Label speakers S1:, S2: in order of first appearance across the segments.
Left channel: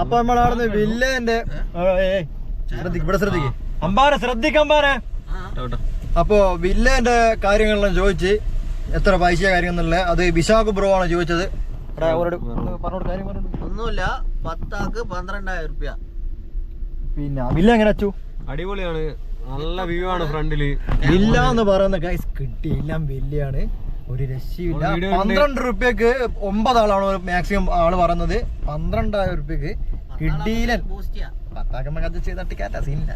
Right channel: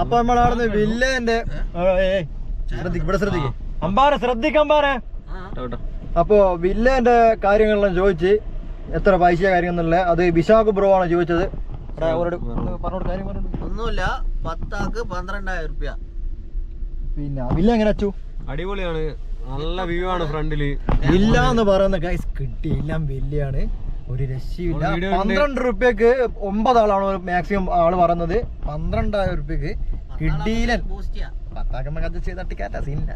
S1: അപ്പൊ നമ്മളവിടുന്ന് വില്ലേന്റെ ഇവിടെ ശ്രദ്ധിക്കേ. അമ്പാരെ ശ്രദ്ധിക്ക അമ്പാരെ. അപ്പോ വില്ലേന്റെ കാര്യങ്ങളെല്ലാം ചോദിച്ച് എത്ര പൈസ കാര്യങ്ങളെന്നുള്ള അത് വിശാഖ് ബ്രോ ആണ് ചോദിച്ചത്. കാര്യം
S2: ഒന്നുമില്ല പത്താക്ക് പന്ത്രണ്ടായിരം റുപ്യ
S1: പിന്നെ വില്ല എങ്ങനെ അച്ചു?
S3: അടിപൊളിയാണ്. നല്ല വ്യൂ ആണ് ഫ്രണ്ടിൽ.
S1: വില്ല എന്ന് പറയുന്ന ഗൈസ് കിട്ടിയെല്ലാം വില്ലയാണ്. ഒരു രക്ഷയില്ല
S3: ഉണ്ട്.
S1: പന്ത്രണ്ട് റുപ്യക്ക് ഒമ്പത് ആളാണ് മാക്സിമം ആൾ പറയുന്നത്. പന്ത്രണ്ടായിരം റുപ്യക്ക് കിട്ടിയില്ല. അത് ചെയ്ത് സീനില്ല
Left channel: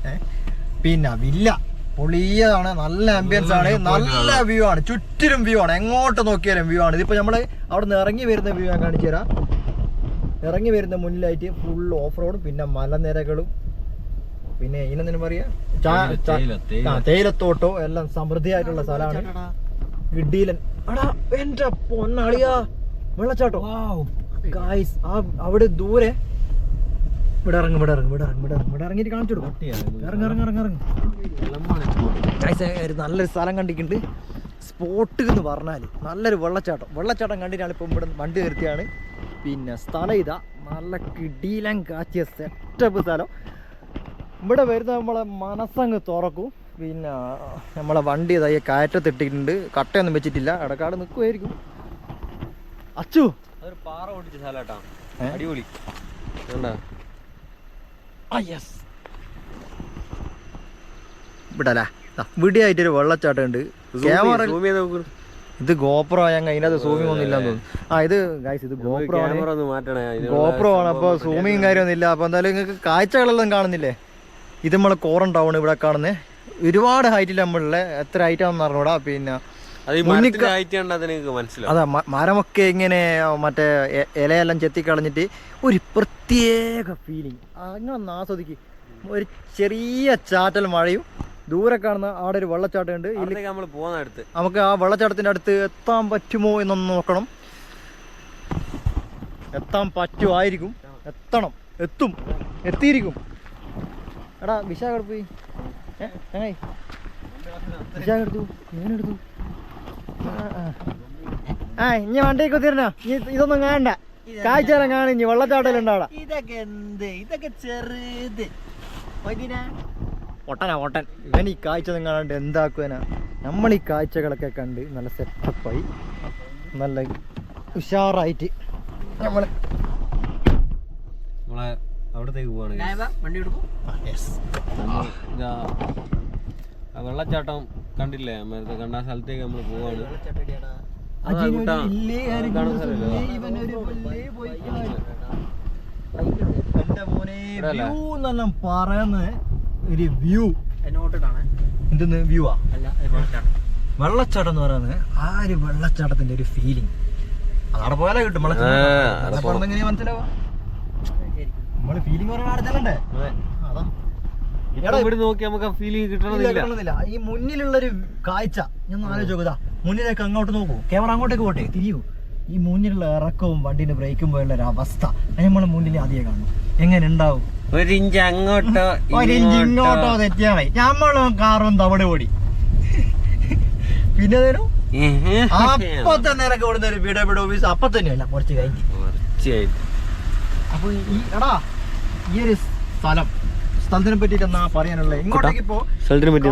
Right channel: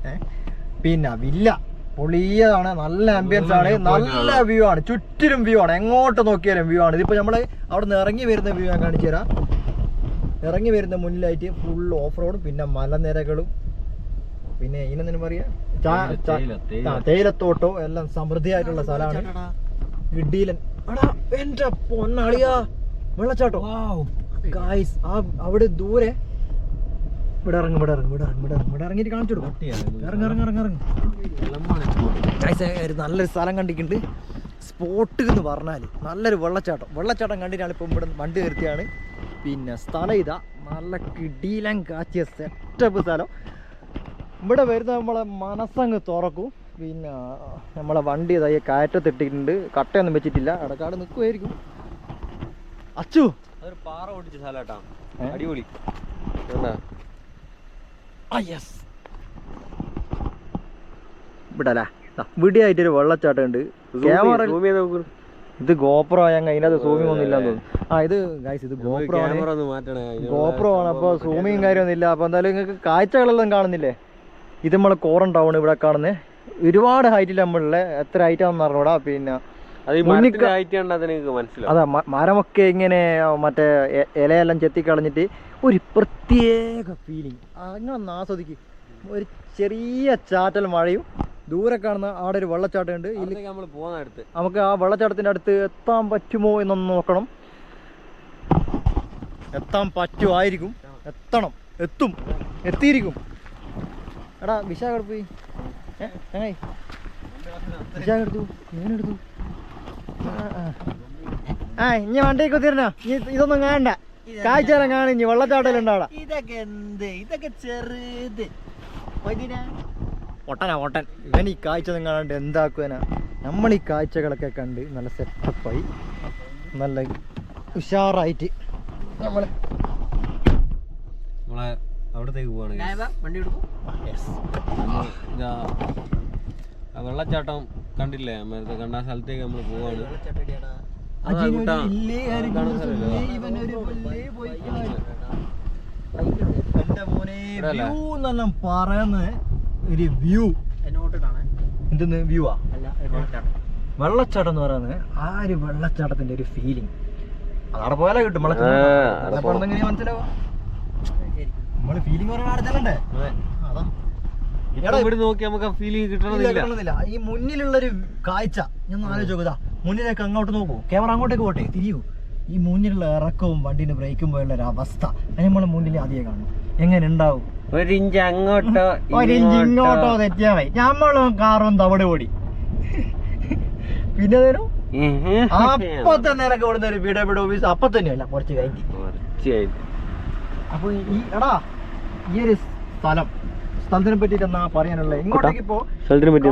S1: പിന്നെ വില്ല. പൊളിയതാണ്. നല്ല ആംബിയൻസ് ആണ്. നല്ല വ്യൂ ആണ്. ചുറ്റിലും വ്യൂ ആണ്. എങ്ങോട്ട് നോക്കിയാലും വ്യൂ ആണ്. ഇതിപ്പോ നമ്മൾ അവിടെ നിന്ന് ഇറങ്ങി വരുന്ന വ്യൂ ഞാൻ കാണിച്ചു തരാം. ഇറങ്ങി വരുന്ന മുന്നിലായിട്ട് ഫുൾ ഓഫ് റോഡും പിന്നെ മലനിരകളും പിന്നെ ഇതിനെന്തിനു പറയാ. തേയിലത്തോട്ടോ എല്ലാം സമൃദ്ധിയായിട്ടുള്ള സ്ഥലമാണ്. ഇഡീലൻ എടാ എന്റെ പൊന്നളിയാ. വെള്ളച്ചാട്ടോ. ഗായ്സ് ആ അവിടെ ദൂരെ. ഇവിടെ ഇറങ്ങും ഇവിടെ ഇറങ്ങും ഇവിടെ ഇറങ്ങും ഇവിടെ ഇറങ്ങും ഇവിടെ ഇറങ്ങിയിട്ട് കാണിച്ചു കൊടുക്കും. ഇറങ്ങി ഇറങ്ങി ഇറങ്ങി ഇറങ്ങി. ഗായ്സ് നല്ലൊരു സ്ഥലം കണ്ടിട്ടുണ്ട്. സ്പോട്ട് എന്ന് പറഞ്ഞാൽ നല്ലൊരു വെള്ളച്ചാട്ടം. വെള്ളച്ചാട്ടം കണ്ടിട്ടാണ് ഇപ്പം ഇവിടെ വണ്ടി നിർത്തിയാണ്. പിന്നെ സ്ഥലം ഇതാ. നല്ല കിടീലം കാച്ചിയ സെറ്റപ്പ് സ്ഥലം. ഇവിടെ വരുന്ന നമ്മളെ മനസ്സങ്ങ് തുറക്കും. പിന്നെ നമ്മളെ വണ്ടി ഇതായി കയറ്റത്തിട്ടിട്ടുണ്ട് കട്ടയൊന്നും വെച്ചിട്ടില്ല. ഇടക്കാട് നിൽക്കുമായിരിക്കും അച്ചു!
S3: അതൊരു പാറ ഓടിച്ച സ്ഥലട്ടാ അടിപൊളി. കണ്ടാ?
S1: ആ യെസ് ഇവിടെ അല്ലേ ഇവിടെ ആയിട്ടൊരു വെള്ളച്ചാട്ടം ഉണ്ട് ക്യാമറ
S3: zoom ചെയ്ത് നോക്ക്.
S1: ഇത് ഗോപ്രോ ഞാൻ അതിനകത്ത് സൂമിംഗ് ഒന്നും ഇല്ലാന്ന് തോന്നുന്നു. ആ ഇത് ഗൈസ് ഇത് ഗോപ്രോ ആണ്.
S3: ക്യാമറ ഒന്ന് മാറ്റണേ. അതിന്
S1: ഗോപ്രോ ആണ്.
S3: അപ്പൊ
S1: അപ്പോൾ സൂമിങ് കാര്യമൊന്നും ഇല്ല അപ്പോൾ എന്തായാലും നിങ്ങൾക്ക് കാഴ്ചകളെല്ലാം കാണുന്നില്ലേ? ഇത് നമ്മളെ കോറൻ ടൗൺ ഇവിടെ കാണുന്നത് ഒരുപാട് ഹൈറ്റിൽ നമ്മളുള്ള എത്ര ഹൈറ്റ് ആണെന്ന് അറിഞ്ഞൂടാ. പിന്നെ
S3: അതെ
S1: മരമൊക്കെ ഇങ്ങനെ മറ്റേ ഇലയെല്ലാം ചെത്തിക്കളഞ്ഞിട്ട് ഒരു പ്രത്യേക ഫീലിംഗ് അങ്ങനെ ആസ്വദിക്ക്. ഒരു ചെറിയ ചാറ്റൽ മഴയും ദൂരെ കാണുന്ന അവിടെ ഒരു വെള്ളച്ചാട്ടം ഉണ്ട് നമുക്ക് ആ വെള്ളച്ചാട്ടത്തിന്റെ അടുത്ത് എത്താൻ പറ്റുമോ എന്നൊന്ന് നോക്കണം. എത്താൻ പറ്റുമായിരിക്കും എത്തണം. എത്തും. എത്തിയിരിക്കും. എടാ വിശാഖ പോയി? ഏ ഞാൻ എടുത്തു ഞാനെടുത്തു ആ, ആ. ആ ഇനി വണ്ടി കുത്തിരണ ഇതൊന്നും കാണണ്ട. കാഴ്ചയെല്ലാം കാണും. ഇനി വെള്ളച്ചാട്ടം ഉണ്ടാടാ
S2: ഇതൊക്കെ എന്ത്? ഇതൊക്കെ ചെറുത്.
S1: ഒട്ടനാ ഒട്ടൻ. ഇവൻ ഈ കാഴ്ച ഒന്നും കാണാണ്ട് എന്താക്കുവനാ? നമ്മൾ ഈ കാഴ്ചകളൊക്കെ കണ്ട് നല്ല സെറ്റപ്പായി. നല്ല ഉഷാറായിട്ട് നമ്മൾ
S3: നമ്മളെ അവിടത്തേക്ക് പോവാണ് വെള്ളച്ചാട്ടം കണ്ടില്ലേ? നേരത്തെ കണ്ട ആ സ്ഥലത്തേക്ക് നമ്മൾ പോവാണ്.
S1: എന്നെല്ലാം ഒരു വ്യൂ എന്തെന്ന്? വ്യൂ ആ?
S2: അല്ല വെള്ളച്ചാട്ടം.
S1: എന്ന് പറയുന്നത് ആ ഒരു വെള്ളച്ചാട്ടത്തിന്റെ ഒരു ഫീലിംഗ് അതവിടെ പോയാലേ കിട്ടും വെള്ളച്ചാട്ടം. മനസ്സിലാവാ നമ്മൾ ഫീലിംഗ് ചെല്ലണ്ടേ
S3: അതെ. ഇവിടെ നോക്കി നമുക്ക്
S1: ഇല്ല,
S3: കിട്ടണമെന്നില്ല.
S1: ഈ മുന്നിലുള്ളൊരു കാഴ്ച ഞാൻ ആലോചിച്ച് മുന്നിലേക്ക് അങ്ങോട്ട് നോക്കൂ. ക്യാമറ അങ്ങോട്ടേക്ക് പോട്ടെ തിരിയൂ. ഈ മുന്നിലുള്ള ഇറക്കവും വണ്ടിന്റെ ബ്രേക്കും പോലുള്ള ഒരു അവസ്ഥ നമ്മളെ മുന്നിൽ ആദ്യം കാണും. എങ്ങനെ ഉണ്ടാവും?
S3: ഒരു ഇഞ്ച് അങ്ങോട്ടോ
S1: ഒരു ഇഞ്ച് ഇങ്ങോട്ടോ തെറ്റിയാ മതി നമ്മളും കാറും തവിട് ഓടി പിന്നെ തരും? അപ്പൊ തന്നെ ഇറക്കി ഓടുന്ന ഒരു വീഡിയോ ഓഫീസ് അപ്പൊ തന്നെയല്ല കുറച്ച് കഴിഞ്ഞ്.
S3: തീർച്ചയായും
S1: അപ്പൊ ഈ എടാ ഈ ഒരു സ്ഥലം സ്ഥലത്തിനെ പറ്റിട്ട് എന്നാ പറയാനുള്ളത് ഇങ്ങോട്ടേക്ക് ഇപ്പോ
S3: സ്ഥലത്തിനെ പറ്റി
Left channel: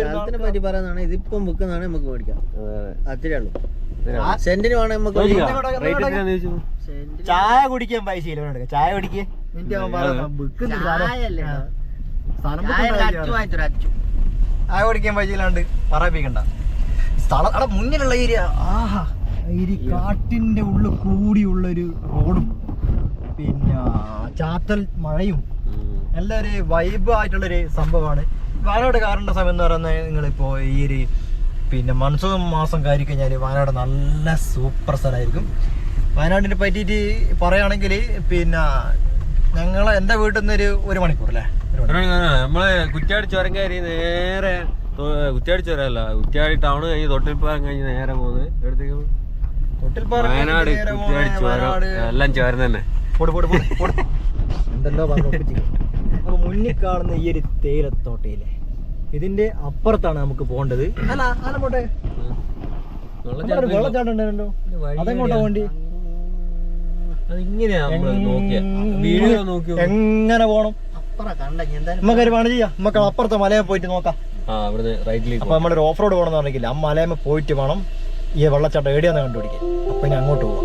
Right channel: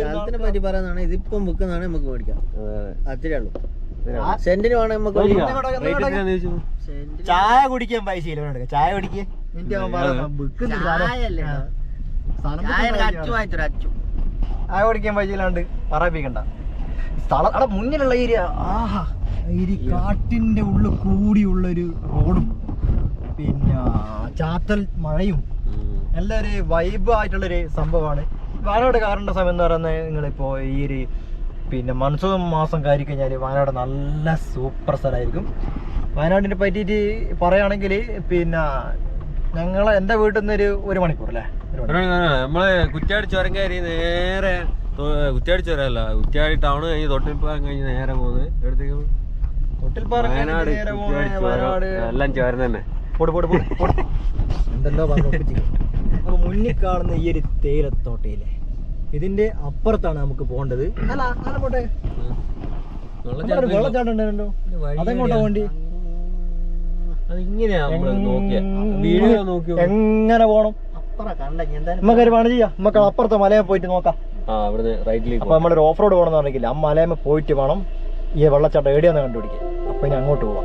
S2: സ്ഥലത്തിനെ പറ്റി ഇതിപ്പം ബുക്കുന്നാണ് നമുക്ക് മേടിക്കാം. അത്രേ ഉള്ളൂ. സെന്റിന് വേണേ നമുക്ക്
S1: ചായ കുടിക്കാൻ പൈസ ഇല്ല. ചായ കുടിക്കേ.
S2: ചായ
S1: കുടിക്കാൻ പൈസ ഇല്ലാണ്ട് പറയിപ്പിക്കണ്ട. സ്ഥലം അവിടെ മുന്നിലുള്ള ഏരിയ ആഹാ. ഈ കാട്ടിന്റെ ഉള്ളിൽ കൂടിയുള്ള ഒരു റോഡും. പിന്നെ ചാത്തൽ മഴയും. നല്ല ഒരു വൈബ് ആയിട്ടുള്ളൊരു സംഭവമാണ്. വയനാട് കാറിന്റെ സമയം എന്ന് പറയുന്നത് നിങ്ങളിപ്പോൾ ഈ ഒരു പിന്നെ മൺസൂൺ മാസം കയറി കഴിഞ്ഞാൽ വയനാട് നല്ല സൂപ്പർ സ്ഥലമായിരിക്കും. വയനാടിനെ പറ്റിയിട്ട് പറയുകയാണെങ്കിൽ പിന്നെ ഞങ്ങൾ എന്റെ വീട്ടിൽ നിന്ന് ഒരു ഒരു മണിക്കൂർ. അല്ലേ
S3: നമ്മൾ കുറ്റ്യാടി ചുരം കയറി നേരെ കുറ്റാടി കുറ്റ്യാടി ചുരം അല്ല കുറ്റ്യാടി ടൗൺ കഴിഞ്ഞ് തൊട്ടിൽപ്പാലം കഴിഞ്ഞ് നേരെ പോകുന്നത് എടുത്തേക്കും. പോകും?
S1: തൊട്ടിൽപ്പാറ
S3: വയനാട് എല്ലാം ചേർന്ന് തന്നെ.
S1: പോട് പോട് പോട് പോട്. എന്തെല്ലോ പറഞ്ഞു ഒപ്പിച്ച്. അപ്പൊ മുന്നിൽ കാണുന്ന ഈ ഒരു തേയിലത്തോട്ടയില്ലേ ഇതിന്റെ അപ്പുറത്താണ് നമുക്ക് പോകേണ്ടത്. അല്ല അല്ല പോട്ടെ.
S3: ഉം.
S1: അവിടെ ഒരു വെള്ളച്ചാട്ടം ഉണ്ടായിരുന്നല്ലോ അതെങ്ങോട്ടാ
S3: എവിടെയാ?
S1: വണ്ടി
S3: അത് ഇങ്ങനെയാ നമ്മൾ നോക്കിയ. വീഡിയോ നോക്കി
S1: എങ്ങനെ പോണം നമുക്കൊരു പണി ചെയ്യാം. നമുക്ക് അപ്പുറത്തെ മലയെ പോയിട്ട് നോക്കാം. അപ്പൊ നമ്മളൊരു ഓഫ് റോഡ് പോകണം എന്ന് പറഞ്ഞില്ല ആ മലയമ്മ പോയിട്ട് വേണം ഈ വെള്ളച്ചാട്ടം എവിടെയാന്ന് കണ്ടുപിടിക്കുക അപ്പൊ ഇനി അങ്ങോട്ട് പോവാം.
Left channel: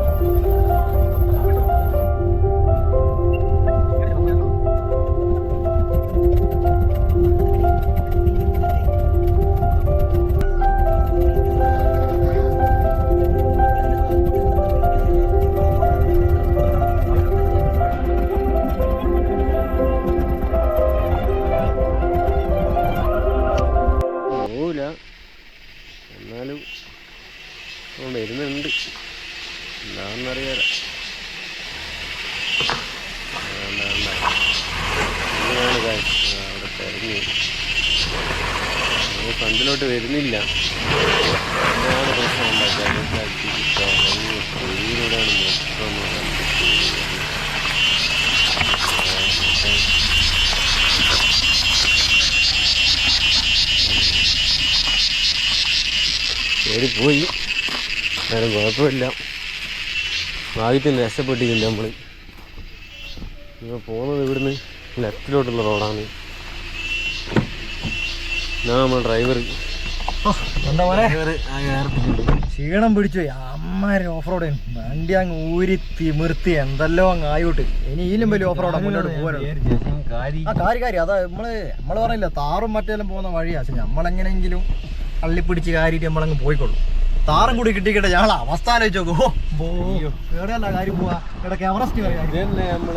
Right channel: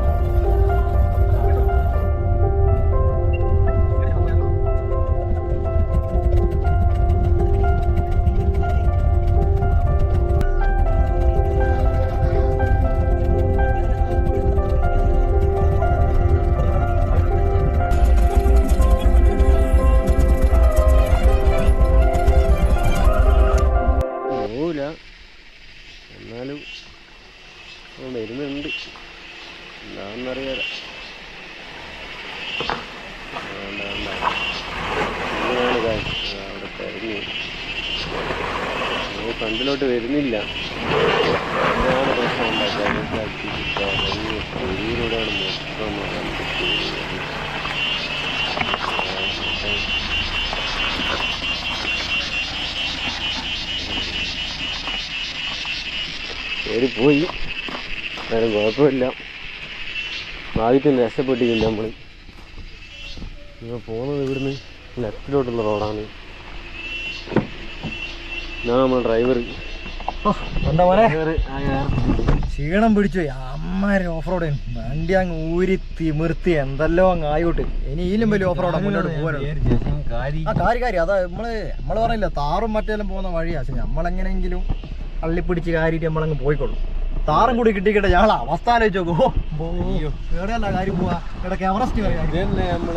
S3: കയറി പോയി. വേറെ കുഴപ്പമില്ല. ഭാഗ്യത്തിന് രക്ഷപ്പെട്ടിരിക്കുന്നു നമ്മൾ ഇപ്പോൾ പോകുന്നത് ഇവിടുന്ന് ലെഫ്റ്റിലോട്ടുള്ള റോഡാണ്. ഞാൻ നമ്മൾ ഡ്രൈവർ.
S1: ക്ഷീണം പിടിച്ചു. അമ്മാര് ഓഫ് റോഡ് വണ്ടി അങ്ങ് ഊരി തിമിർത്തി എന്തെല്ലോ അങ്ങ് ആയോട്ട്. ഇനി ഈലും വലിയ ഓഫ് റോഡാ മുന്നോട്ട് പോകാനുള്ളത്. ആ കാര്യം കാര്യം അതാ നമ്മൾ നമ്മൾ പറഞ്ഞില്ല താറും മറ്റേലും പോകുന്ന വഴിയാ. പക്ഷെ നമ്മളെങ്ങനെയെങ്കിലും അള്ളിപ്പിടിച്ച് കാര്യമായിട്ട് നമ്മളങ്ങ് പോയിക്കൊള്ളു. താറും കൂടി കിട്ടിക്കിട്ടെ ഞങ്ങൾ അവസ്ഥ ആലോചിച്ച് നോക്കൂ. കാര്യം പോവാ. ഇടയ്ക്ക് എവറസ്റ്റ് പറയാം
S3: ഇതന്നെ നമ്മൾ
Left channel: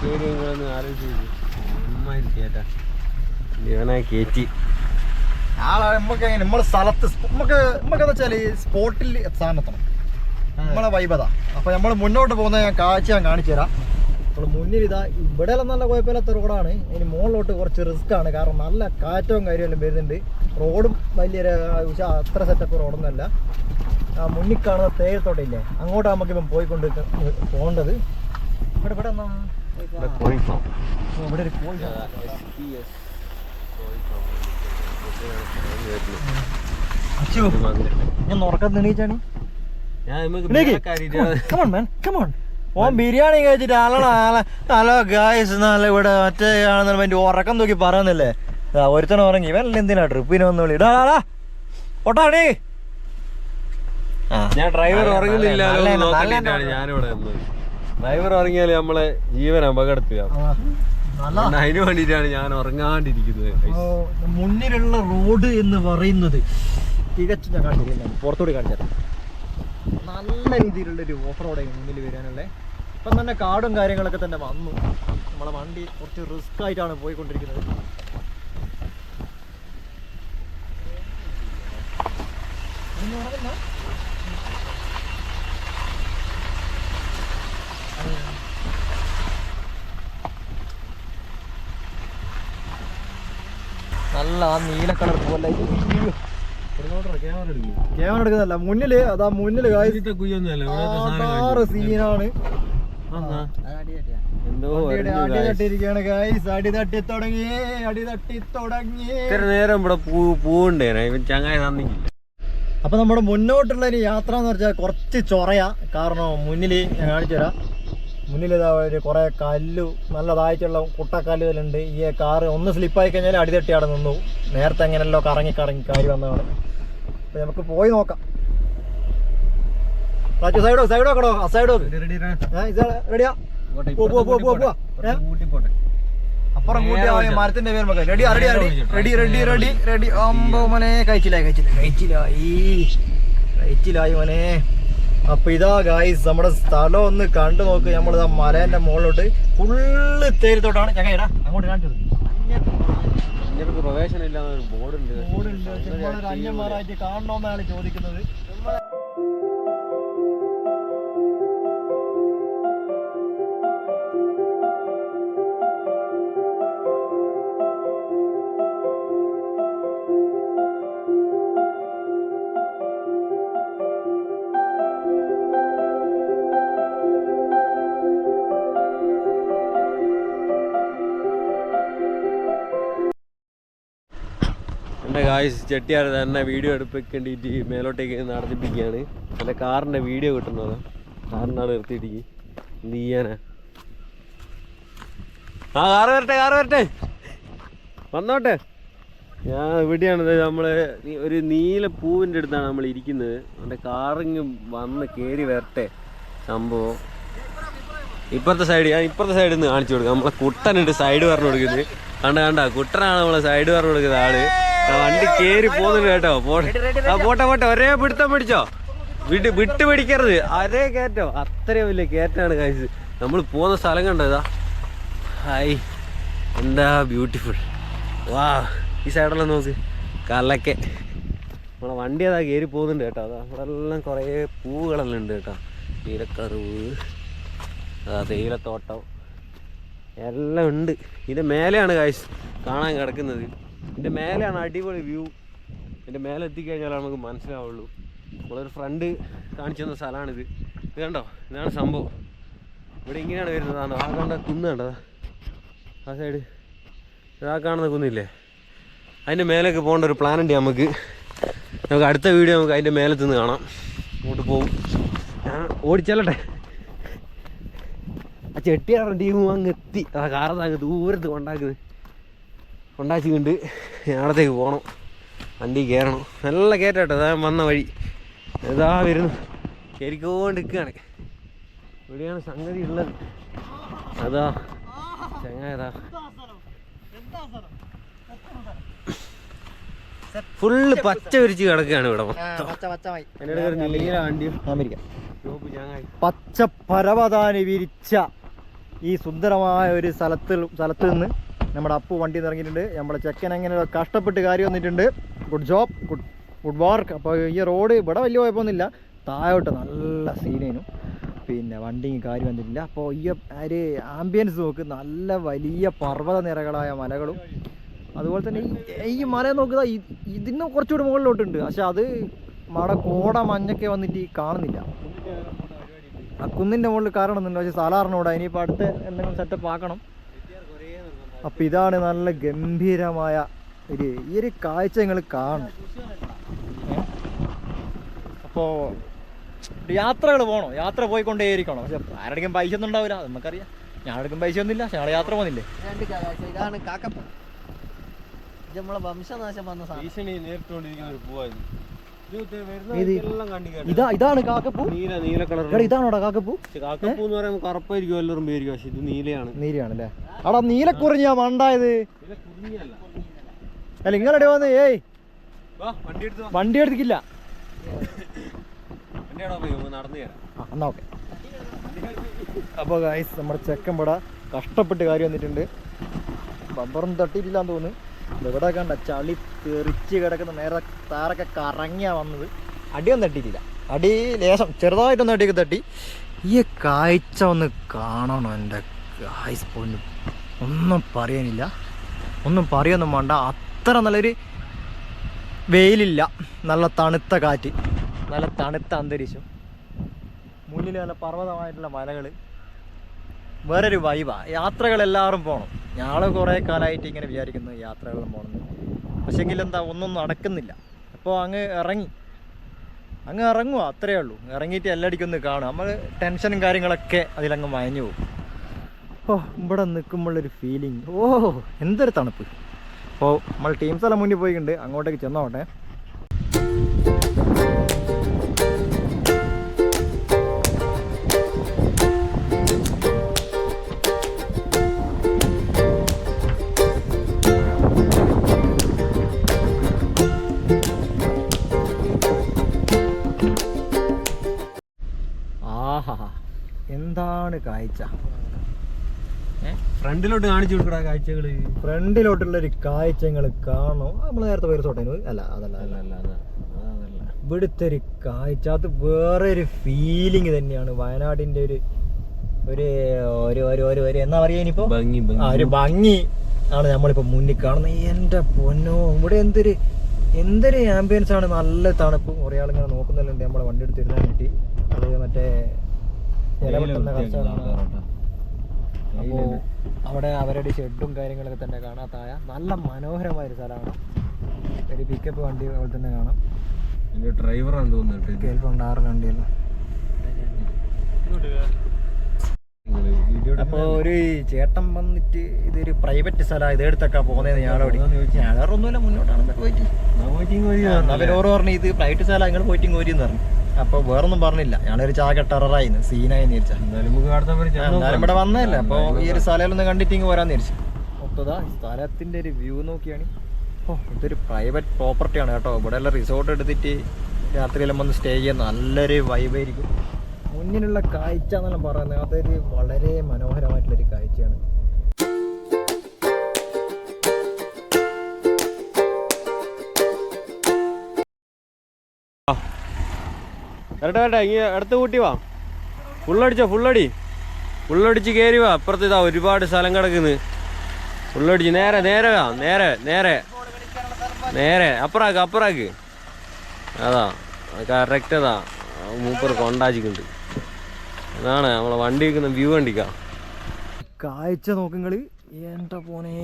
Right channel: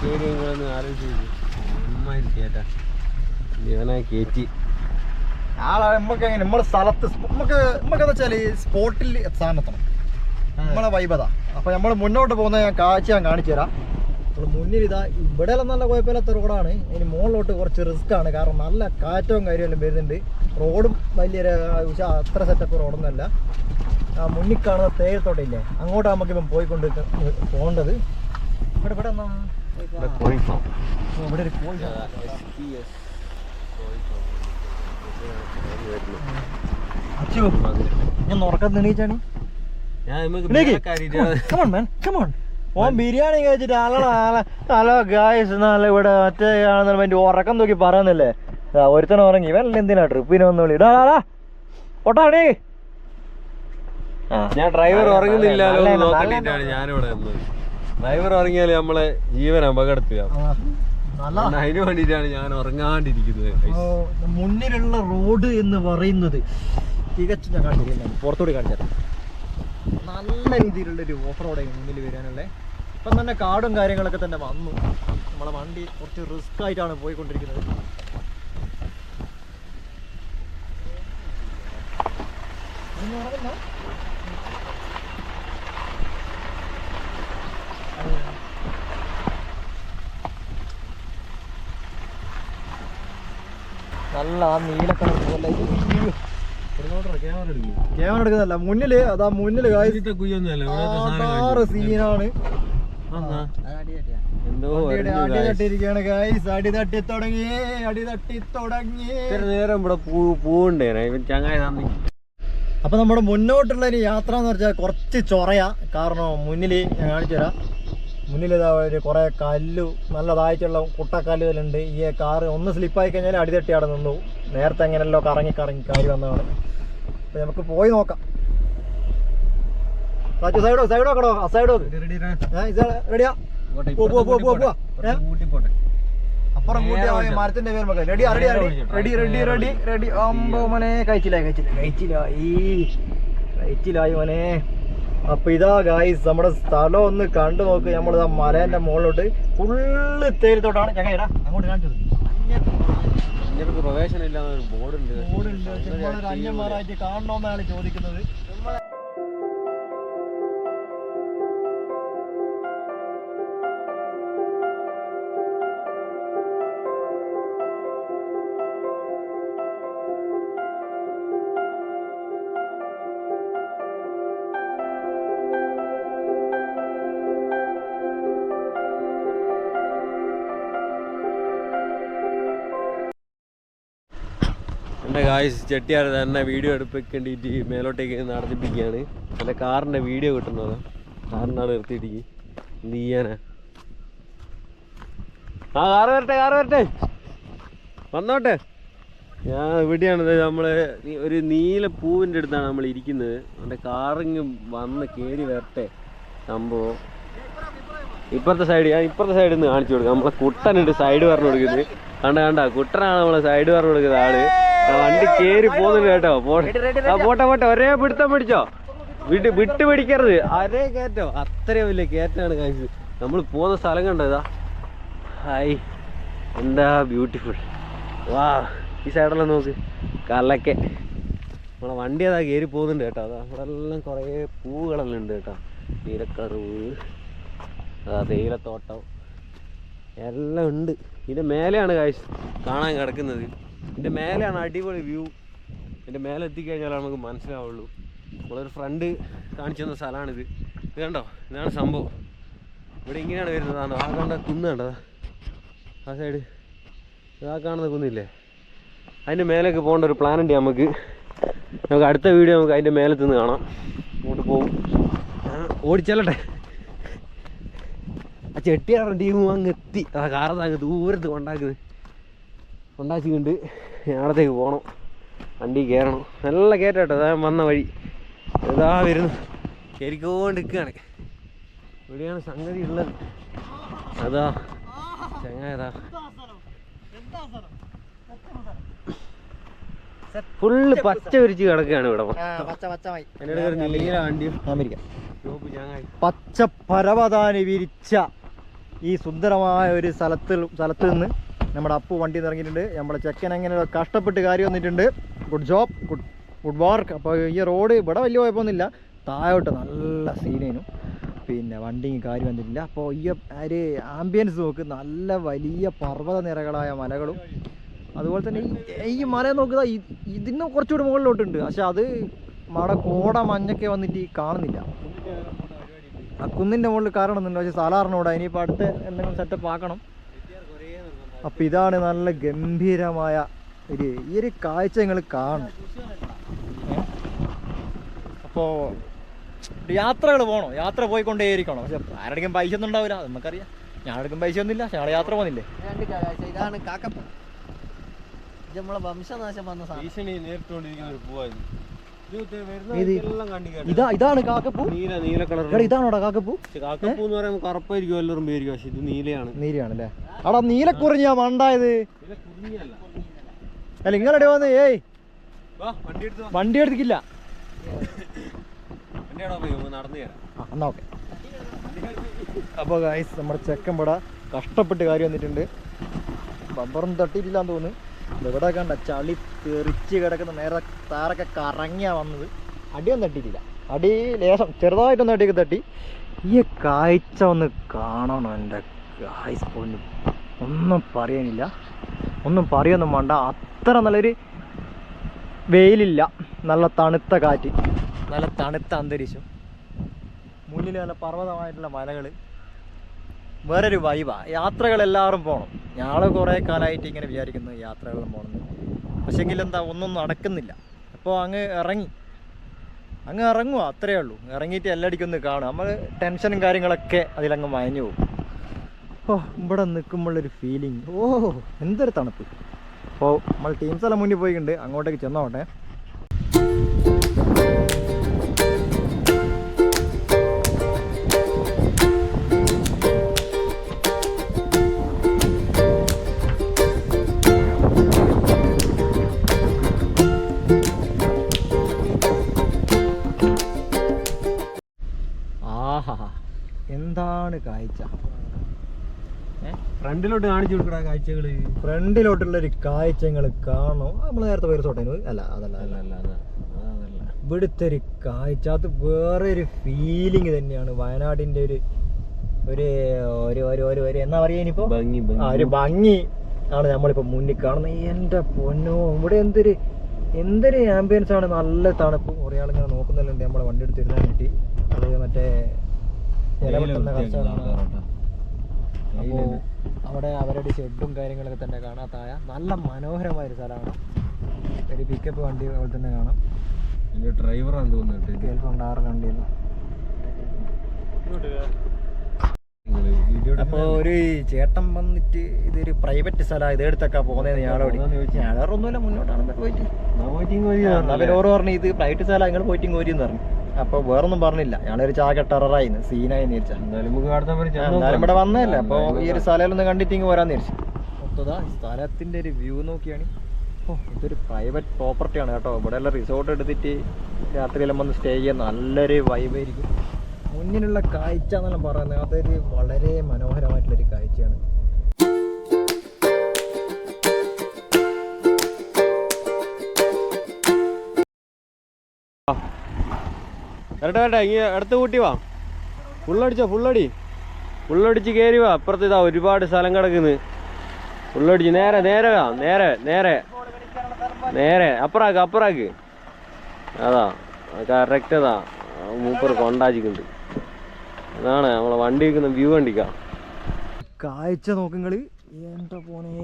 S3: കയറിയെന്ന് ആലോചിച്ച് അമ്മാതിരി കേട്ടാ ഇവനെ കയറ്റി
S1: ആളെ നമുക്ക് എങ്ങനെ നമ്മളെ സ്ഥലത്ത് നമുക്ക് വെച്ചാൽ സ്പോട്ടിൽ എത്താനെത്തണം നമ്മളെ വൈബതാ അപ്പൊ നമ്മൾ മുന്നോട്ട് പോകുന്ന ഞാൻ കാഴ്ച ഞാൻ കാണിച്ചു തരാം നമ്മൾ മുന്നിൽ ഇതാ ഇവിടെ നല്ല കുഴപ്പമില്ലാത്ത റോഡാണ്. ഇനി മുകളിലോട്ട് കുറച്ച് റിസ്ക് ആണ്. കാരണം നല്ല കാറ്റവും കാര്യമെല്ലാം വരുന്നുണ്ട്. റോഡും വലിയൊരു അത്ര സെറ്റപ്പ് റോഡൊന്നുമല്ല. ആ മുന്നിൽ കാണുന്ന തേയിലത്തോട്ടയില്ലേ അങ്ങോട്ട് നമുക്ക് ഇപ്പം പോയിക്കൊണ്ട് പോകേണ്ടത്. ഇവിടെ ഇവിടെ എന്നാ
S3: ഇവിടെ
S1: ഒരു കോഴി അച്ചു ഞാൻ ഉറക്കം തെണീച്ചാണ്
S3: ഞാൻ നമുക്ക്
S1: മാൻ
S3: മേലക്കാരിയിട്ട്
S1: ഓൻ ബിരിയാണി കഴിച്ചിട്ട് ആളാ ഹലോ ഗായ്സ് നല്ല ഇവിടെ മറ്റേ ആണെന്ന് വേണ്ടി ഉറക്കം നോക്കി പറയുന്നില്ലേ? ഒരുത്തന ഉറങ്ങി. ഇവനല്ല എന്തിനാ ട്രിപ്പിന് വന്ന് വിളി ഇടാ ഒട്ടാണി
S3: ഞാൻ ഡ്രൈവർ
S1: ഉറങ്ങുന്നില്ലല്ലോ
S3: നോക്കണ്ടിട്ടാണ് ഞാനിവിടെ ഡ്രൈവർ ഉറങ്ങിയാൽ നമ്മളെ ജീവൻ അപകടത്തില.
S1: നല്ല
S3: അതിന് വേണ്ടിയിട്ടാണ് ഞാൻ ഉറങ്ങാണ്ടിരിക്കുന്നത്
S1: മുന്നിലുള്ള റോഡ് എന്ന് പറയുന്നത് തികച്ചും ഞാൻ കാണിച്ചില്ല പുറത്തോട്ട് കാണിച്ചത് നല്ല രീതിയിലുള്ള ഒരു ഓഫ് റോഡ് മുന്നിൽ വരാനുള്ളത് ഇപ്പം തന്നെ കാടും കാര്യങ്ങളൊക്കെ തന്നെ വന്നു. നമ്മളെ വണ്ടി കുറച്ച് റിസ്ക് ആയിട്ടാണ് പോയിക്കൊണ്ടിരിക്കുന്നത്? നല്ല ആ നീല കളർ പോലെ. ക്യാമറ എടുക്കുന്നല്ല. മുന്നിൽ അതാ മുന്നിൽ സീനാണ്
S3: എന്തോ
S1: വണ്ടിയുടെ
S3: അറിഞ്ഞു
S1: അടി
S3: guys.
S1: തട്ടിയിരിക്കുകയാണ് അടി തട്ടി തുടങ്ങി അടി തട്ടി തുടങ്ങി.
S3: ഇത്ര നേരം ഇവിടെ പൂ പൂവുണ്ടേനെ ചങ്ങായി
S1: അപ്പൊ നമ്മുടെ മുന്നോട്ടുള്ള ഒരു യാത്ര എന്ന് വെച്ചാൽ കുറച്ച് ചൊറയാ. കാരണം മുന്നിൽ ഞാൻ കാണിച്ചു തരാം. മുന്നിൽ ഇതാ ഒരു കുറെ കല്ലു നല്ലതായിട്ടുള്ള കുട്ടക്കല്ലുകളുണ്ട്. ഈ കാറ് ഒന്ന് സ്ലിപ്പായി കഴിഞ്ഞാൽ അടിതട്ടി അവിടെ നിന്നു. നേരത്തെ എങ്ങനെയല്ലോ കറങ്ങി കറങ്ങി കാര്യം വന്നതാണ്. അപ്പൊ നമുക്ക് പോയി നോക്കാം. സൈഡോ സൈഡോ കടോ ആ സൈഡോ റെഡിയാ പോ, പോ, പോ, പോ, പോ. ഏ? അപ്പുറം കൂട്ടി മരത്തിന്റെ പേര് മക്കൾ ready ready ready ready ready ready അമ്പോ മോനെ കഴിച്ചില്ല കഴിച്ചില്ല കഴിച്ചില്ലായി കഴിച്ചില്ലായി മോനെ അപ്പൊ ഇതാ ഗായ്സ് നമ്മുടെ സ്ഥലം ഒന്ന് കണ്ടു നോക്ക്. നമ്മളിതാ മലേന്റെ മുകളിലോട്ട് ഫുള്ള് തേരിത്തോട്ടാണ് ഞങ്ങൾ അങ്ങോട്ട് കാണിച്ചത്
S3: പ്രവേശനം ഇല്ലാതെ ഒരു ബോർഡുണ്ട്
S1: അന്യന്മാരായിട്ട് കാണണമെന്നാണ് ചോദിക്കുന്നത്.
S3: എന്റെ കാശ് ചെട്ടിയാർ തന്നെ വീഡിയോ എടുപ്പിക്കേണ്ടിയിട്ട് മേലോട്ടേക്ക് നടത്തിപ്പിക്കുകയാണ്. അല്ല കാറിന്റെ വീഡിയോ കിട്ടുന്നത്. കാറിനാണ് നിർത്തിയിട്ടിക്ക് എന്ത് ചെയ്യാനാ? ആ കാറ് വരട്ടെ കാറ് വരട്ടെ. വന്നോട്ടെ. ഞാൻ ഇവിടെയാണ് നമ്മൾ ഒരു നീല പൂവിന്റെ അടുത്താണ് നമ്മൾ ഇരിക്കുന്നത്. എന്റെ കാറിങ് വന്ന് കയറി വരട്ടെ. സംഭവം. ഇപ്പുറത്തെ സൈഡ് ഞാൻ ഇപ്പുറത്തെ സൈഡിൽ നിന്ന് കാണിച്ചു കൊടുക്കാം. നമ്മളെ കുട്ടനുണ്ട് സൈഡ് പറഞ്ഞു കൊടുക്കുന്നത്. കണ്ട കണ്ട കുട്ടനാണ് നമ്മളെ സൈഡ് പറഞ്ഞു കൊടുക്കുന്ന ആൾ. വണ്ടി കേറി പോകുന്നുണ്ട് കേട്ടോ പോട്ടെ പോട്ടെ ഒരേ പിടുത്തം പിടിച്ചോ. വിട്ട് വിട്ട് പിടിക്കരുത്. ഒരേ കയറ്റോ. അത്രയും വലിയ കയറ്റാണ് കഴിച്ചത് നമ്മൾ പോകുന്ന സ്ഥലം കണ്ടോ ഇതാ? ഹായ്. എന്താ ബ്യൂട്ടിഫുൾ വാ ഈ സൈഡെല്ലാം നോക്ക്. കലക്കെ. നമ്മളെ വണ്ടി അതാ കയറി പോകുന്നുണ്ട് കേട്ടോ. അതാ അവിടെ എല്ലാം കുറേ പൂവുകളെല്ലാം ഉണ്ട് കേട്ടോ. നീലക്കറുവ് ആ തേയിലത്തോട്ടം. എല്ലാം ഉണ്ട്. ഇതിന്റെ മേലെയാണ് കാഴ്ച കാണാൻ കിടക്കുന്നത്. ഇതിന്റെ മേലെയാണ് അടിപൊളി വ്യൂ ഇതിന്റെ മേലെ എത്തിക്കഴിഞ്ഞാൽ നമുക്ക് മനസ്സിലാവുള്ളൂ. നമ്മളൊരു ഫ്രണ്ട് കാണിച്ചു തന്ന സ്ഥലമാണിത്. ഇത് കണ്ടോ? ഇതാണ് സംഭവം. ഇവിടെ ഇങ്ങനെയാണ് വരുന്നത്. ആ കണ്ട കുന്ന് കണ്ടോ? ആ സൈഡ് ഇതാ കാണുന്ന കുന്നില്ലേ? അതിന്റെ മേലേക്ക് പോകേണ്ട ഒരു പ്ലാൻ ഉണ്ട് നമുക്ക്. നമുക്ക് അടുത്ത വീഡിയോ നമുക്ക് അതിന്റെ മേലെ നിന്ന് കാണാം. അങ്ങോട്ട് പോകും ഞാൻ ഓടിച്ചല്ലട്ടെ. ആ ചെട്ടിയാറും ടീമും അങ്ങ് എത്തി. ആ കാറത് അങ്ങ് ദൂരത്ത് കൊണ്ടാക്കുന്നത്. കൊണ്ടാച്ചിട്ടുണ്ട് ഞാടത്തേക്ക് പോകണം വണ്ടി കയറണം. നല്ല കയറ്റട്ടോ. അതാ വന്ന വഴി. ഇതാ വരുന്നു. ശരിക്കോണ്ട് നിൽക്കുകയാണ് ഇവിടെയാണ് സംഗതി ഉള്ളത്. അതാ. ചങ്ങായതാ ഫുള്ള് പച്ച വിരിച്ച് കിടക്കുകയാണ് ഇവിടെ
S1: പച്ച പരവതാനി വിരിച്ച ഈ സുന്ദരമായ ഒരു സ്ഥലത്തിൽ സ്ഥലത്ത് നിന്ന് നമ്മുടെ അപ്പു വണ്ടി ഇറങ്ങിയിട്ടുണ്ട് നമ്മുടെ ചെക്കൻ അങ്ങനെ കഷ്ടപ്പെട്ട് കാര്യം വന്നിട്ടുണ്ട്. Good job good good work അപ്പോൾ ഈ റോഡ് ഇവിടെ വലിയ കുഴപ്പമൊന്നുമില്ല. താഴോട്ട് നല്ല സീനേനു പിന്നെ വണ്ടിയും കാര്യം വന്നിട്ടില്ല. അപ്പോൾ ഈ ഒരു ആംബിയൻസ് നോക്ക്. നല്ല വലിയ പർവത നിരകളായ മലകളും. അതുപോലെ തന്നെ ഈ മല നോക്കുക ഇതിന് കുറച്ചുകൂടി മുകളിലോട്ടുണ്ട്. പക്ഷെ അത് മഴ കോട മഞ്ഞൊക്കെ വന്നിട്ട് കാണുന്നില്ല. ആ കുന്നിന്റെ മുകളിൽ കാരണം ഒന്നുമില്ല പക്ഷേ സാധാരണ ഇനിയിപ്പോൾ അടുത്ത് എന്തെങ്കിലും സെറ്റപ്പ് ആക്കണം. അപ്പം ഇതാണ് നല്ല ഗംഭീരമായ ഒരു ഈ ഒരു കാഴ്ച നിങ്ങൾ കാണും. അപ്പോൾ യാത്രകൾ പോകണം? യാത്ര പോയിക്കൊണ്ടേയിരിക്കണം? പക്ഷെ ആരുടെയും പൈസ ഒന്നും ഉണ്ടാവില്ല നമുക്കറിയാം. ഞാൻ എടുക്കും പൈസ ഒന്നുമില്ല പക്ഷെ ഞങ്ങൾ യാത്ര പോകുന്നില്ലേ?
S2: ഇതാണ് കാക്കപ്പ. ഇത് നമ്മളെ വംശനാശം വന്ന സാധനം.
S3: ഭീഷണി നേരിട്ടുകൊണ്ടിരിക്കുന്ന ഒരു പൂവായിരുന്നു. ഇത്
S1: ഇതാണ് കാക്കപ്പൂ.
S3: നീല നീല കളർ.
S1: ഇതാണോടാ കാക്കപ്പൂ?
S3: കാക്കപ്പൂ എന്ന് പറയുമ്പോൾ കറുപ്പായിരിക്കും എല്ലാവരും പേരിക്കും പക്ഷെ ഇത് നീലയാണ്.
S1: നീലയാണല്ലേ? അടാ നീലക്കുറിഞ്ഞാ മണ്ടായത്
S3: ഇത്. കുറിഞ്ഞല്ല.
S1: അല്ല നിങ്ങളുടെ വന്ന്? ഏയ്.
S3: വണ്ടി
S1: എടുത്തിക്കില്ല എന്നാ ഓക്കെ. അപ്പോൾ ഗൈസ് നമ്മുടെ ചെക്കമ്പട കഷ്ടപ്പെട്ട് കാര്യം വന്നിട്ടുണ്ട്. ബമ്പറും തട്ടിയിട്ടില്ലാന്ന് തോന്നുന്നു. ഇവിടെ കണ്ട ചളി തെറിച്ച് കിടക്കുന്ന നേരെ താറൊക്കെ കറങ്ങിയാ വന്നത്. അടിയൊന്നും തട്ടിയിട്ടില്ല. അടി ലേശം ചെറുതായിട്ടൊന്നും അടിയൊക്കെ തട്ടി. ഈ കാഴ്ച ഒന്ന് കാണണം എന്റെ കായ്സ് പൊന്നു. ഒന്നും പറയാനില്ല. ഒന്നും പറയൊന്നും വേണ്ട. അത്ര നല്ലൊരു വെയിലില്ല. നല്ല തണുത്ത കാറ്റ്. നല്ല തണുത്ത അന്തരീക്ഷം. മുന്നിൽ നല്ല പർവതമായിട്ടുള്ള മലകൾ വേറൊരു വൈവാ യാത്രകൾ എല്ലാവരും പോകണം ഞങ്ങൾ കുറേ കാലമായിട്ട് ഇങ്ങനെ വിചാരിക്കുന്നു യാത്രകളും പോകണം പക്ഷേങ്കിൽ എന്താ ഒന്നും നടക്കുന്നില്ല. അപ്പോൾ അങ്ങ് ഇറങ്ങി അങ്ങ് ഇറങ്ങുക അത്രയേ ഉള്ളൂ. ഇറങ്ങിയിട്ട് എല്ലടിക്കും ഒന്ന് കാണും നമ്മൾ ടെൻഷനും കാര്യങ്ങളൊക്കെ അതിലങ്ങ് മയഞ്ഞു പോകും. ഓ ഇവിടെ നിൽക്കുമ്പോഴൊരു ഫീലിംഗ് ഓ എന്തൊരു തണുപ്പ്. അപ്പോൾ നമ്മൾ ടീംസ് എല്ലാം മുന്നിൽ പോയിട്ടുണ്ട് അങ്ങോട്ടേക്ക് ചെന്നോട്ടെ.
S3: ഫ്രണ്ടിലോട്ട് കാണിച്ചു കൊടുക്കടാ കാഴ്ചകൾ.
S1: ഫ്രണ്ടിലോട്ടുള്ള ഒരു കാഴ്ച കാണോ. നമ്മൾ നേരത്തെ പേര് തൊട്ടേനു അല്ല അതല്ല അല്ല
S3: അല്ല അല്ല
S1: ഇവിടുത്തെ ഒരു കാഴ്ച അത് വേറെ ഒരു ഫീലിംഗ് തന്നെയാണ്. വയനാടിന്റെ ഒരു ഒരു ഒരു ഒരു ഒരു ഒരു എന്നാ പറയാ ഇനിയിപ്പോ?
S3: ഭംഗി
S1: ആ ഒരു ഭംഗി ആണ് നമ്മളിപ്പോ മുന്നിൽ കാണുന്നത്. എന്റെ പൊന്നോ ഇവിടെ എന്തൊരു എന്തൊരു ആംബിയൻസ് ആണ്. നല്ല തണുപ്പ് കുറേ ആളിങ്ങനെ നോക്കുന്നുണ്ട് നമ്മളെ വണ്ടി എടുത്ത് കിട്ടി. അത് മറ്റേ ഇലവെട്ടുന്ന കർഷകരാണ് അപ്പോൾ അവിടെ അവരുടെ ഷെഡും കാര്യങ്ങളൊക്കെ തന്നെ കാണാത്തായ നല്ല മനോഹരമായ ഒരു സ്ഥലമാണ്. ഒരു പിക്കപ്പ് വണ്ടി പോലെ തന്നെ കാണാം.
S3: ഡ്രൈവറാണ് ഡ്രൈവറാന്ന് തോന്നുന്നു
S1: കേൾപ്പുണ്ട് ആറ് വണ്ടിയല്ലോ അപ്പൊ ഒരു ചേട്ടൻ വന്നിട്ട് ഇതൊരു പ്രൈവറ്റ് സ്ഥലമാണ് ഇതെടുത്തൊക്കെ ഞാൻ വേറെ ഒന്നുമില്ല മുന്നോട്ടാണ് പോയിട്ട്. പിന്നെ ഓറ് പറഞ്ഞു ഇത് പ്രൈവറ്റ് സ്ഥലം നിങ്ങൾ പോയിട്ട് കോരി എന്ന് പറഞ്ഞു. അപ്പൊ വേറൊന്നും പറഞ്ഞില്ല. ഞങ്ങളൊരു ചാക ടെററായിന്ന് സീനായി
S3: എന്നാലും.
S1: ഇവിടെ വന്നതല്ലേ? അപ്പൊ ഈ ഒരു സ്ഥലമൊന്ന് കണ്ടിട്ട് ഇങ്ങ് വരാന്ന് വിചാരിച്ചു. മൊത്തതാ സ്ഥലത്തിന്റെ ഒരു വ്യൂ നോക്കിയാണ്. ഓ ഇതൊരു പ്രൈവറ്റ് പ്രോപ്പർട്ടിയാണ് കേട്ടോ. ഇവിടെ എല്ലാം റിസോർട്ട് എടുത്തിട്ട് രാത്രിയെല്ലാം വന്ന് സ്റ്റേ ചെയ്യാൻ നല്ലൊരു വൈബായിരിക്കും മുന്നിലുള്ള കാഴ്ച എന്നെല്ലാം പറയുന്നത്. അതൊരു വളരെ മനോഹരമായിട്ടുള്ളൊരു കാഴ്ചയാണ്.
S3: വരട്ടെ വരട്ടെ ഇങ്ങ അടുത്ത് കൂട്ടി വാ. ഫുള്ളടിച്ചോ ഫുള്ളടി. ഫുള്ളടിച്ച് കയറി വാ. അപ്പുറത്ത് ഇതാ ഒരുപാട് സ്ഥലം കിടക്കുന്നു. ഫുള്ളടിച്ച് നേരെ നേരെ വാ. നേരെ നേരെ. നേരെ. അപ്പുറാക്ക് അപ്പുറാക്ക്. അതാ കറക്റ്റ് അതാ. മൂപ്പർ കൊണ്ടാച്ചിക്കുണ്ട് അതാണ് നമ്മളെ വണ്ടി വെക്കുന്ന വ്യൂ കണ്ടിക്കാം.
S1: കാഴ്ച നോക്കുങ്ങൾ എന്താ പോനെ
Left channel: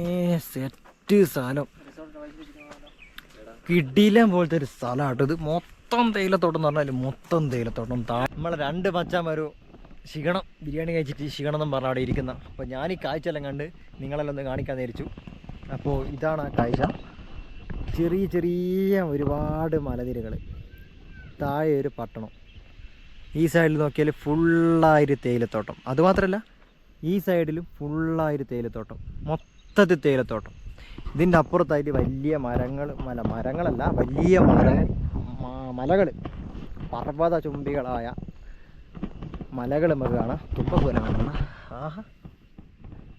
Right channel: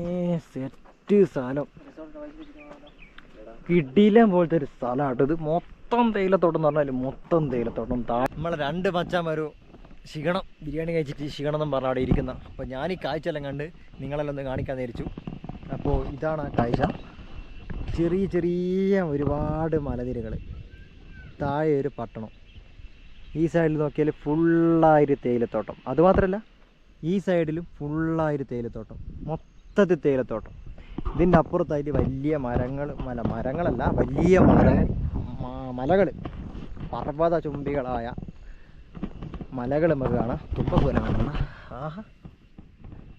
S1: സെറ്റ് സ്ഥലം കിടിലം പോലത്തെ ഒരു സ്ഥലമാട്ടോ ഇത്. മൊത്തം തേയിലത്തോട്ടം എന്ന് പറഞ്ഞാൽ മൊത്തം തേയിലത്തോട്ടം. നമ്മളെ രണ്ട് മച്ചാന്മാരു ക്ഷീണം ബിരിയാണി കഴിച്ചിട്ട് ക്ഷീണം എന്നും പറഞ്ഞാൽ അവിടെ ഇരിക്കുന്ന. അപ്പോൾ ഞാൻ ഈ കാഴ്ച എല്ലാം കണ്ട് നിങ്ങളെല്ലാം ഒന്ന് കാണിക്കാൻ നേരിച്ചു. അപ്പോൾ ഇതാണ് ആ കാഴ്ച. ചെറിയ ചെറിയ ഒരുപാട് മലനിരകൾ താഴെ ഒരു പട്ടണം. ഈ സൈഡിൽ നോക്കിയാൽ ഫുള്ളായൊരു തേയിലത്തോട്ടം. അതുമാത്രമല്ല ഈ സൈഡിലും ഫുള്ളായൊരു തേയിലത്തോട്ടം. മൊത്തത്തിൽ തേയിലത്തോട്ടം. ഇതിന്റെ അപ്പുറത്തായിട്ട് വലിയ മരങ്ങൾ മല മരങ്ങളല്ല വലിയ മല മലകൾ പർവത ചുംബികളായ മലകൾ നമുക്ക് കാണാം. തുമ്പപ്പൂല കാണാം. ആഹാ.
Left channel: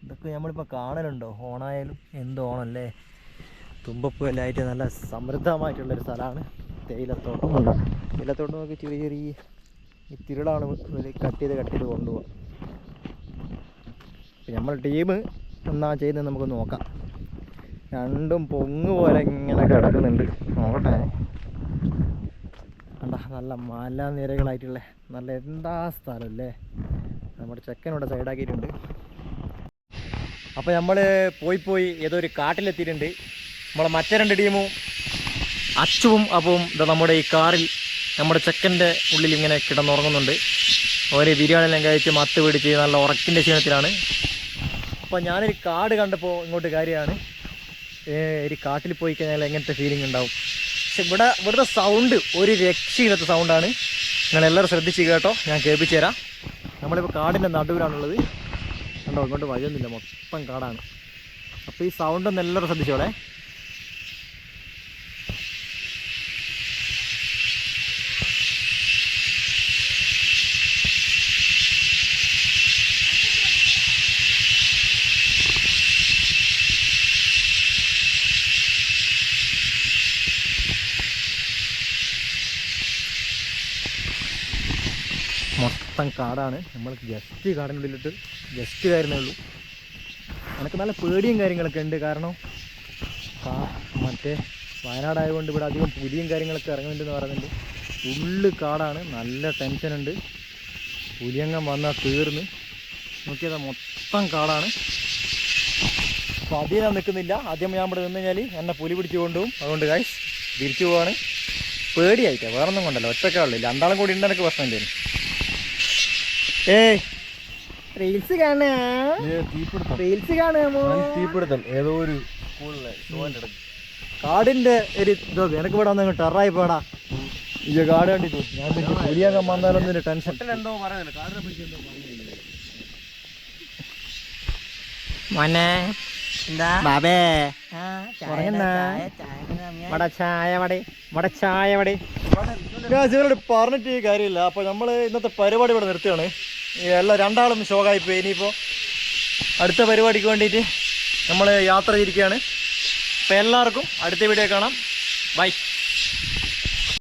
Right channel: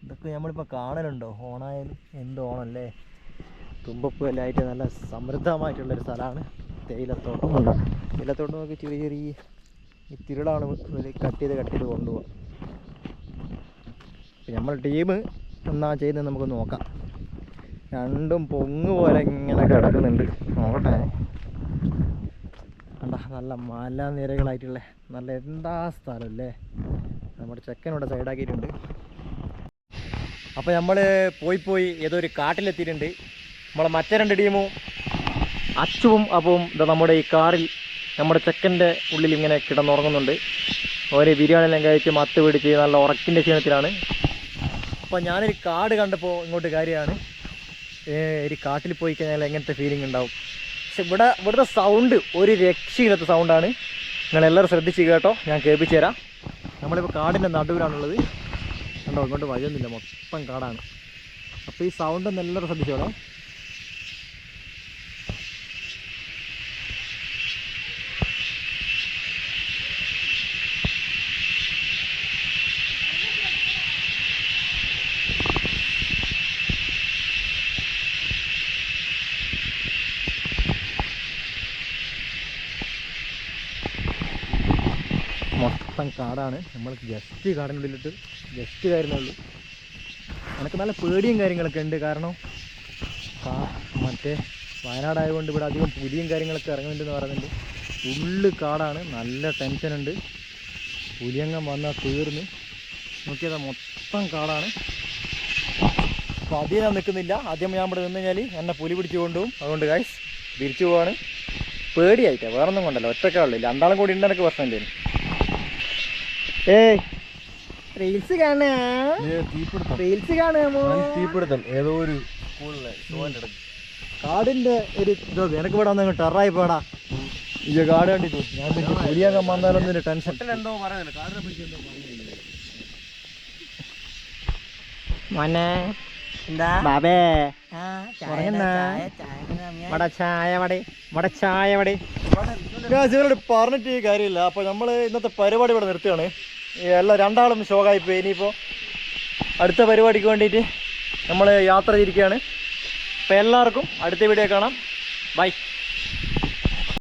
S1: ഇതൊക്കെ നമ്മളിപ്പോൾ കാണലുണ്ടോ? ഓണായാലും എന്ത് ഓണല്ലേ? തുമ്പപ്പൂലായിട്ട് നല്ല സമൃദ്ധമായിട്ടുള്ളൊരു സ്ഥലമാണ് തേയിലത്തോട്ടം. തേയിലത്തോട്ടം നമുക്ക് ചെറിയ ചെറിയ ഈ തിരുളാണ് കട്ട് ചെയ്ത് കട്ട് ചെയ്ത് കൊണ്ടുപോകാം നമ്മൾ ടീം എന്നാ ചെയ്യുന്നത് നമുക്ക് നോക്കാം. രണ്ടും പൊങ്ങ് പോലെ ഇങ്ങനെ കിടക്കുന്നുണ്ട്. നോക്കട്ടെ. കണ്ട നല്ല മലനിരകളായിട്ടുള്ള നല്ല എന്താ സ്ഥലം അല്ലേ നമ്മുടെ ചെക്കനോടെ സൈഡാക്കിയിട്ടുണ്ട് അപ്പോൾ നമ്മൾ പോയി പോയി ഏതോ ഒരു കാട്ടിലെത്തിയിട്ടുണ്ട്. നമ്മളെ മറ്റേ രണ്ട് ടീമും അച്ചുവും അപ്പവും ഇതാ നമ്മുടെ ഈ കാറിൽ നമ്മുടെ ചെക്കന്റെ ഉള്ളിൽ ഇങ്ങനെ കിടന്നുറങ്ങുന്നുണ്ട്. ഓരോ ബിരിയാണി എല്ലാം കഴിച്ച് മത്ത് പിടിച്ച് നല്ല ഉറക്കിന്റെ ക്ഷീണത്തിലാണ്. അപ്പോൾ ഞാനൊരു കാട് കണ്ടപ്പോൾ ഇങ്ങോട്ട് കാര്യമാണ് ഒരു കാട്ടിൽ പോയി കഴിഞ്ഞാൽ എങ്ങനത്തെ ഫീലിംഗ് ഉണ്ടാവും? പക്ഷെ ഇവിടെ ഇവിടുത്തെ സൗണ്ട് ഒരു രക്ഷയില്ലാത്ത സൗണ്ടാണ് നിങ്ങളെല്ലാവരും ശ്രദ്ധിച്ച് കേട്ടോ. ഞാൻ കേൾപ്പിച്ചു തരാം. നമ്മളിപ്പോൾ കാടിന്റെ നടുവിലാണുള്ളത്. കണ്ടോ ഇങ്ങോട്ട് വഴിയൊന്നുമില്ല. മൊത്തം കാടാണ്. അപ്പോൾ ഈ സൗണ്ട് ഒന്ന് എല്ലാവരും ശ്രദ്ധിച്ചോളേ. മൊത്തം കാടാണ്. നമ്മൾ ജസ്റ്റ് കാടിനുള്ളിലിട്ട് ജസ്റ്റ് കയറുന്നേ ഉള്ളൂ. എനിക്ക് നല്ല പേടിയും കാര്യങ്ങളൊക്കെ ഉണ്ട്. കാരണം മറ്റേ വയനാടായതുകൊണ്ട് ഇവിടെ അധികം പുലിയും കാര്യങ്ങളൊക്കെ ഇറങ്ങുന്നുണ്ടെന്ന് പറയുന്നുണ്ട്. ഉള്ളു കാടാണ്. നല്ല ടെൻഷനുണ്ട് പുലിയങ്ങം വന്നാൽ തീർന്ന്. നോക്കിയത് മൊത്തം കാടാണ്. അപ്പോൾ അധികം ഞാൻ നിൽക്കുന്നില്ല. ആദ്യം ഞാൻ ഇവിടെ നിന്ന് കഴിഞ്ഞാൽ എന്നെ പുലി പിടിച്ചു കൊണ്ടുപോകും. അതുകൊണ്ട് കാശ് തിരിച്ചു പോവാണ്. പേടിയായിട്ടാണ് വേറൊന്നും കൊണ്ടല്ലോ. ഒറ്റക്കാളുള്ളൂ രണ്ടാളും കൂടി ഉണ്ട് എനിക്ക് പ്രശ്നം എന്തേലും ഏയ്. റീൽസ് കാണാ റീൽസ് കാണാമോ
S3: തീപിടുത്തം. ഏതോ ഒരു
S1: കാടിന്റെ ഒരു ഇതോ എനക്ക് ഇവിടെ വന്നു ടെറായി പോടാ. ഈ കാട് കണ്ടിട്ട് ഞാൻ പിന്നെ പുലിയാക്കാൻ വന്നാലൊന്നും ഒരു ടെൻഷൻ. മോനെ ബാബേ ഉറങ്ങുന്നാ? വട ചായ വട വട ചായ വട. ഇവരോട് പറഞ്ഞിട്ട് കാര്യമില്ല. അപ്പോൾ നമ്മൾ ഇന്നത്തെ പരിപാടി ഇവിടെ നിർത്തുകയാണ്. എല്ലാം രണ്ടാളും ഷോക്കായി പോയി ഇനിയിപ്പോൾ അടുത്ത പരിപാടിക്ക് വേണ്ടിയിട്ട് നമ്മൾ യാത്ര ചെയ്തിരിക്കുകയാണ്. അപ്പോൾ എല്ലാവർക്കും അടുത്ത വീഡിയോ കാണാം. ബൈ.